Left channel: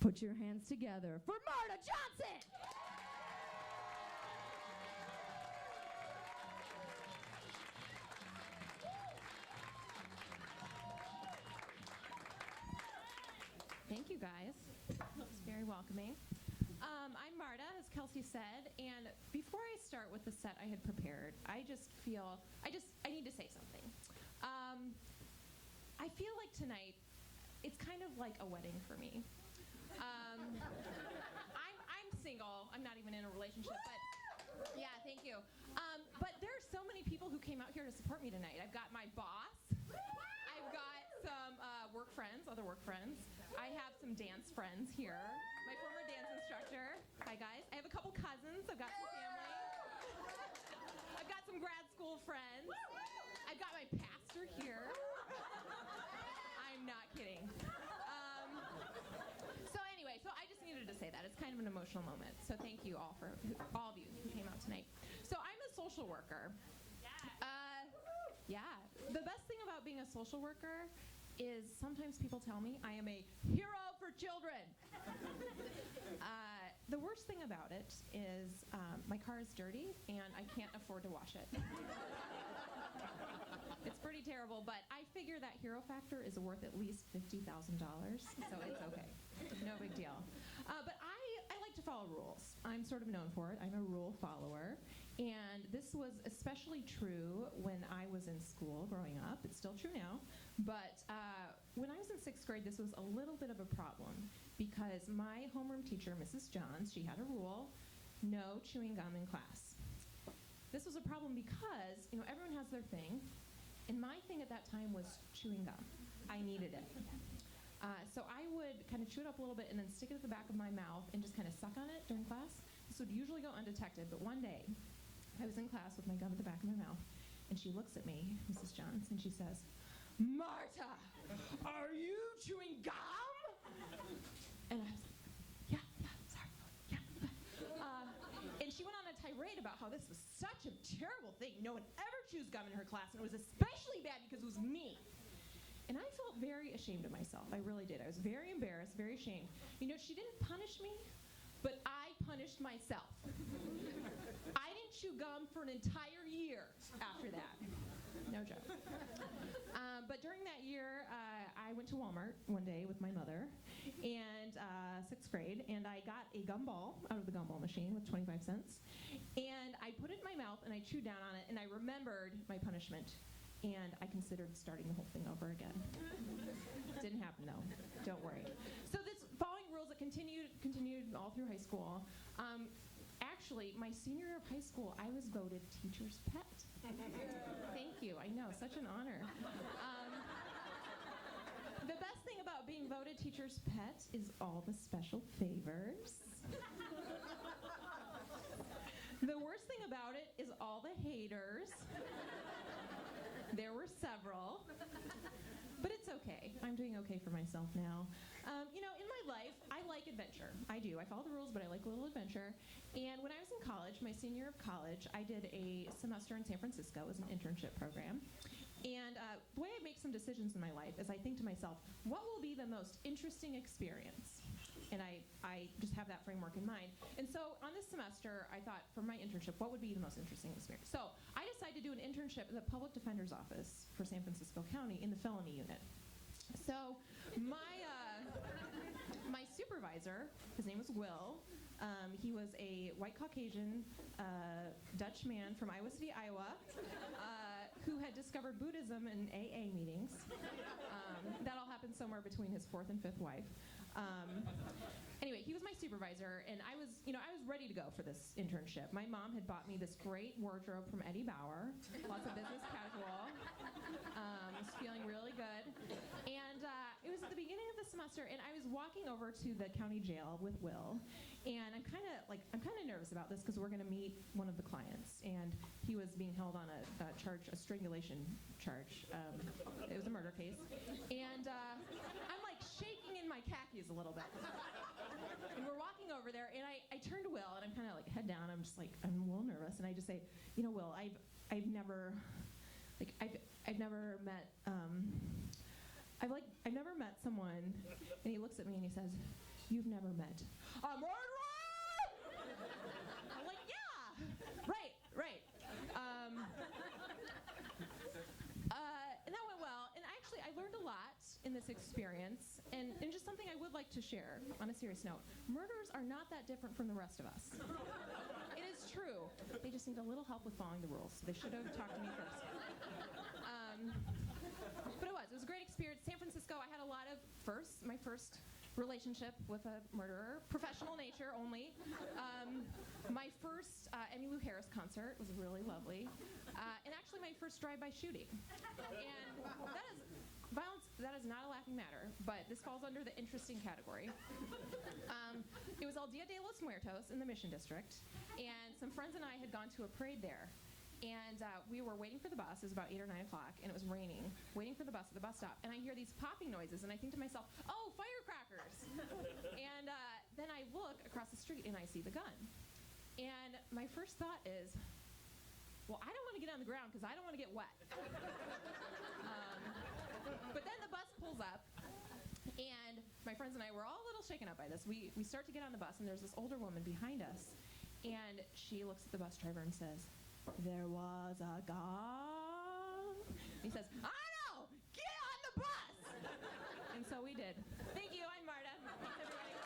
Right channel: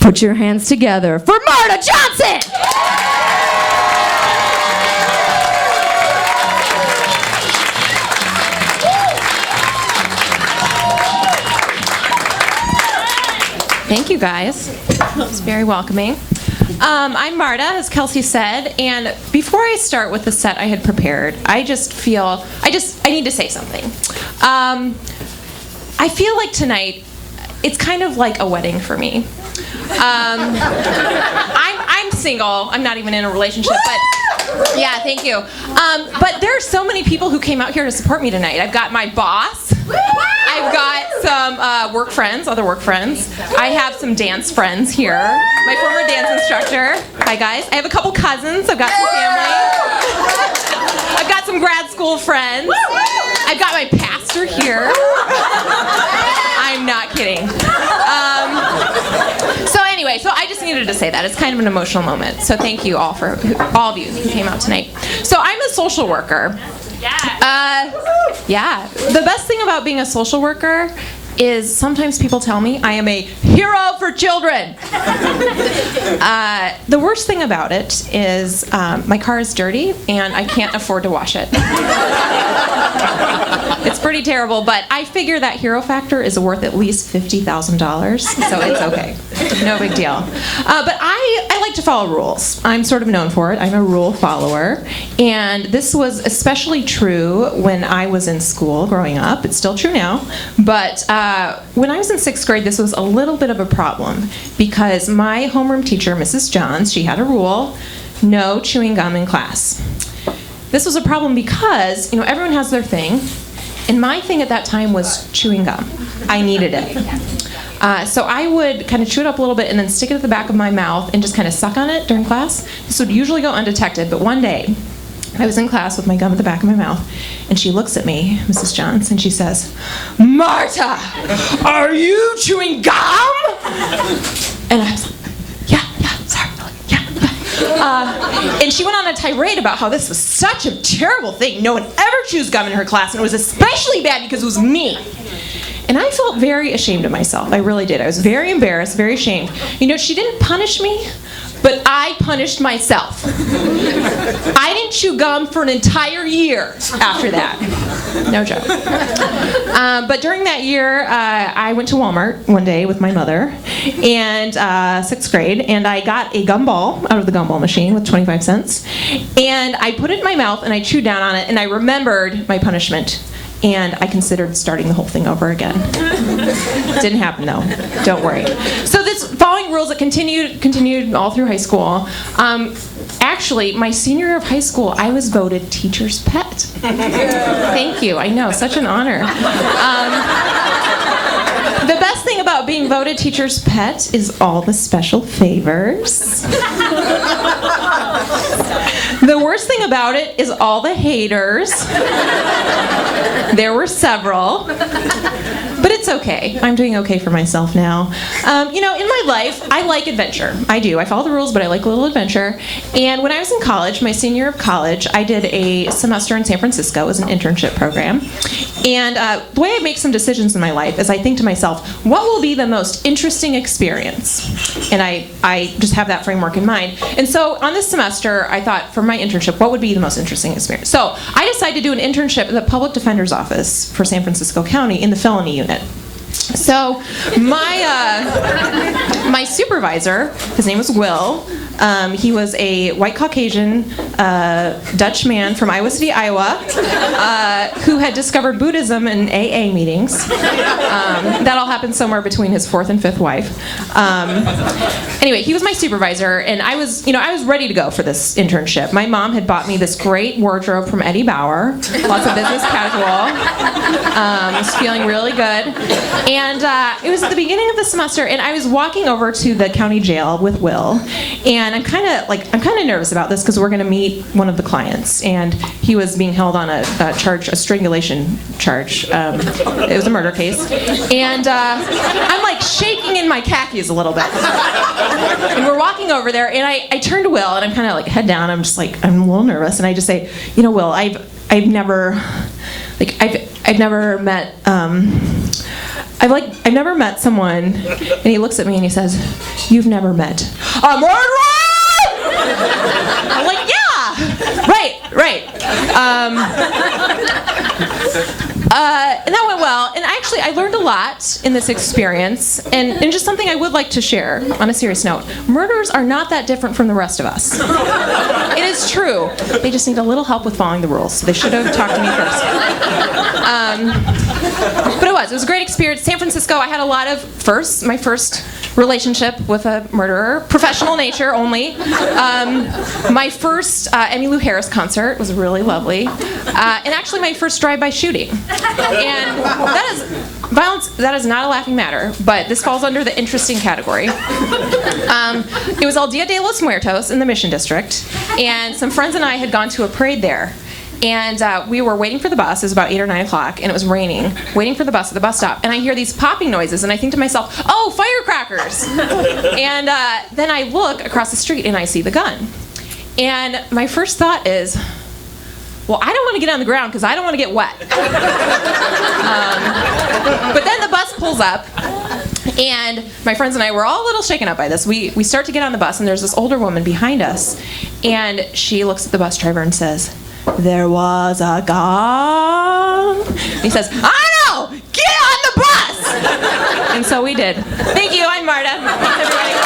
Put your hands together for Marta Johnson! Thank you, guys. It's very welcoming. I'm Marta, as Kelsey said, and before I start with the set I had prepared, I just feel, I need to say something. I feel like tonight, it's kind of like a wedding for me. I'm single. I'm not even in a relationship, but yeah, thank you. But there are so many people who came out here to support me tonight. I've got my boss. I've got some work friends, other work friends. I have some dance friends here. My former dance instructor. Hi, guys. I have a couple cousins. I've got some family. I've got some grad school friends. I've got my pastor here. I'm not kidding. So I just needed to say that. It's kind of an emotional moment. So thank you all for all of you who came out tonight. So I'm a social worker. Yeah. The best thing about being a social worker is sometimes people tell me I am a hero for children. The worst thing about it is my car is dirty and I can't afford to wash it. It's pretty terrible, but I figure that hero factor is worth at least $50,000, so it's okay. No big deal. But I like to follow rules. I'm sort of known for it. I'm a rule follower, and this was especially true when I was in school growing up. It's still true now, but when I was in 6th grade, this was a little bit of a problem because my homeroom teacher, Mrs. Johns, she had a rule: no chewing gum in class. This was a problem because, everyone has their thing, and my thing at that time was chewing gum. I needed it. So I would kind of chew it up a little bit and then stick it at the back of my mouth and just kind of suck on it during class. This would usually go undetected, but one day I was in class with my gum at the back of my mouth, and she looks at me, Mrs. Johns, and she says, "Marta, are you chewing gum?" And I was like, yeah, sorry. And she went on a tirade about how this was such a terrible thing. No one ever chews gum in her class, and it was especially bad because it was me. And I felt very ashamed of myself. I really did. I was very embarrassed, very ashamed. She didn't punish me, but I punished myself. I didn't chew gum for an entire year after that. No joke. But during that year, I went to Walmart one day with my mother, and 6th grade, and I got a gumball out of the gumball machine with 25 cents, and I put it in my mouth, and I chewed down on it, and I remembered my punishment. And I considered starting the whole thing over again. Didn't happen though. Don't worry. So this following rules that continued all through high school. Actually, my senior year of high school, I was voted teacher's pet. Thank you. I know, such an honor. The best thing about being voted teacher's pet is all the special favors. The worst thing about it is all the haters. There were several. But it's okay. I'm doing okay for myself now. In my life, I like adventure. I do. I follow the rules, but I like a little adventure. And when I was in college, my senior year of college, I did a semester in San Francisco. It was an internship program. And the way I make some decisions in my life is I think to myself, what will be the most interesting experience? And I just have that framework in mind. And so on this semester, I thought for my internship, what would be the most interesting experience? So I decided to do an internship at the Public Defender's Office for San Francisco County in the felony unit. So my supervisor, his name was Will. He was a white Caucasian Dutch man from Iowa City, Iowa, who had discovered Buddhism in AA meetings. That all happened somewhere between his 4th and 5th wife. Anyway, he was my supervisor, and I was ready to go for this internship. My mom had bought me this great wardrobe from Eddie Bauer, lots of business casual. I was feeling really good. And it was at the beginning of the semester, and I was walking over to the county jail with Will, and I'm kind of nervous about this because we're going to meet one of the clients, and he was being held on a strangulation charge. It was a murder case, and I'm like shaking in my khakis a little bit. And we're walking over there, and I turn to Will, and I'm kind of like head down. I'm just like, I'm a little nervous, and I just say, Will, I've never met I've never met someone, and he looks at me and he says, "You've never met a murderer?" I'm like, "Yeah, right." And that went well. And actually, I learned a lot in this experience, and just something I would like to share on a serious note. Murderers are not that different from the rest of us. It is true. They just need a little help with following the rules. So they should have talked to me first. But it was a great experience. San Francisco, I had a lot of firsts. My first relationship with a murderer, professional nature only. My first Emmylou Harris concert was really lovely. And actually my first drive-by shooting. And that is violence, that is not a laughing matter, but this falls under the interesting category. It was El Dia de los Muertos in the Mission District, and some friends and I had gone to a parade there. And we were waiting for the bus. It was about 8 or 9 o'clock, and it was raining. Waiting for the bus at the bus stop, and I hear these popping noises, and I think to myself, "Oh, firecrackers!" And then I look across the street, and I see the gun. And my first thought is, well, I don't want to get on the ground because I don't want to get wet. But then the bus pulls up, and my friends and I were all a little shaken up by this. We start to get on the bus, and there's this older woman behind us, and she looks at the bus driver and says, "There was a gun." And he says, "I know! Get on the bus!" And so we did. Thank you. I'm Marta. Thanks, everybody.